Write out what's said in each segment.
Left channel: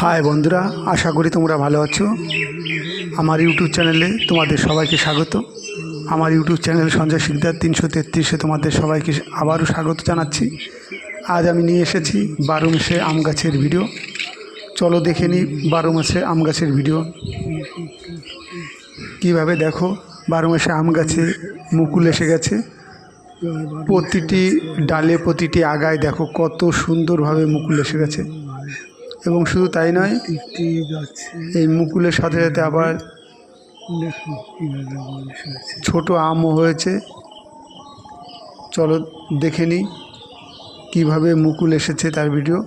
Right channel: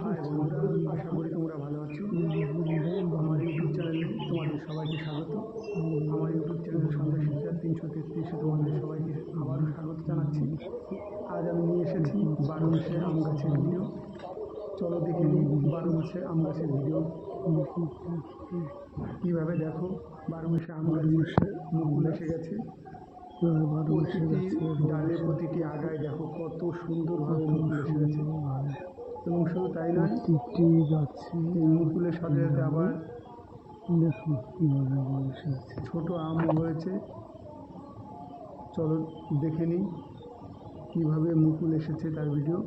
High বন্ধুরা, আশা করি তোমরা ভালো আছো। আমার ইউটিউব চ্যানেলে তোমাদের সবাইকে স্বাগত। আমার ইউটিউব চ্যানেল সঞ্জয় শিকদার 333-এ তোমাদের সবাইকে আবারও স্বাগত জানাচ্ছি। আজ আমি নিয়ে এসেছি 12 মাসে আম গাছের ভিডিও। চলো দেখে নিই 12 মাসে আম গাছের ভিডিও। কীভাবে দেখো 12 মাসে আম গাছে মুকুল এসে গেছে। প্রতিটি ডালে প্রতিটি আগায় দেখো কত সুন্দরভাবে মুকুল এসে গেছে। এবং শুধু তাই নয়, এই মুকুলের সাথে সাথে আবার ছোট আমও হয়েছে। চলো দেখে নিই কীভাবে মুকুল এসেছে তার ভিডিও।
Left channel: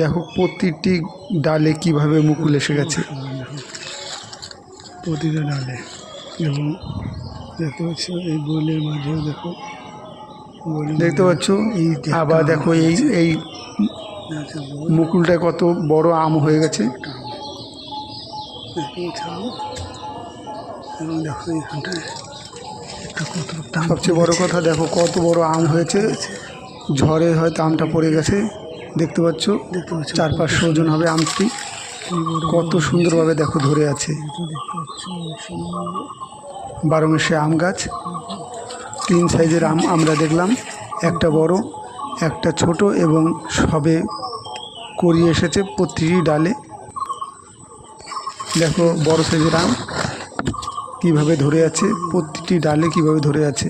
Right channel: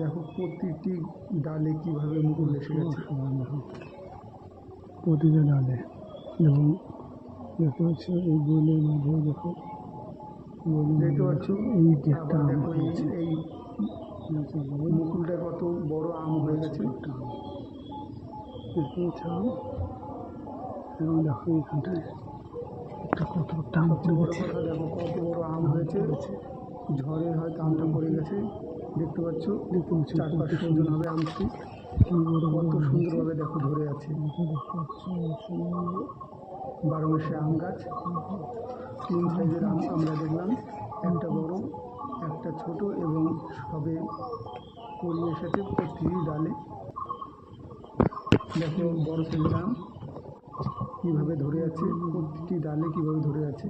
দেখো প্রতিটি ডালে কিভাবে মুকুল এসে গেছে, প্রতিটা ডালে। এবং দেখতে পাচ্ছ এই বইলের মাঝেও দেখো, দেখতে পাচ্ছ। আবার দেখো এই মুকুলটা কত বড় আম হয়ে গেছে। এবং দেখো এখানটায় একটা কত সবচেয়ে বড় কথা দেখো কত বড় আম হয়েছে। ঝড়ে হয়তো আমটা পড়ে গেছে। দেখতে পাচ্ছ 400-500 ওজন হবে আমটি। কত সুন্দরভাবে দেখো ধরে আছে। 12 মাসে আম গাছ। 3 সাইজের আম আমরা দেখলাম, একটা বড় একটা ছোট এবং সবে কড়ি এসেছে প্রতিটি ডালে। দেখো বড় সাইজের আম কীভাবে ধরে আছে, প্রতিটি ডালে কীভাবে ধরে আছে।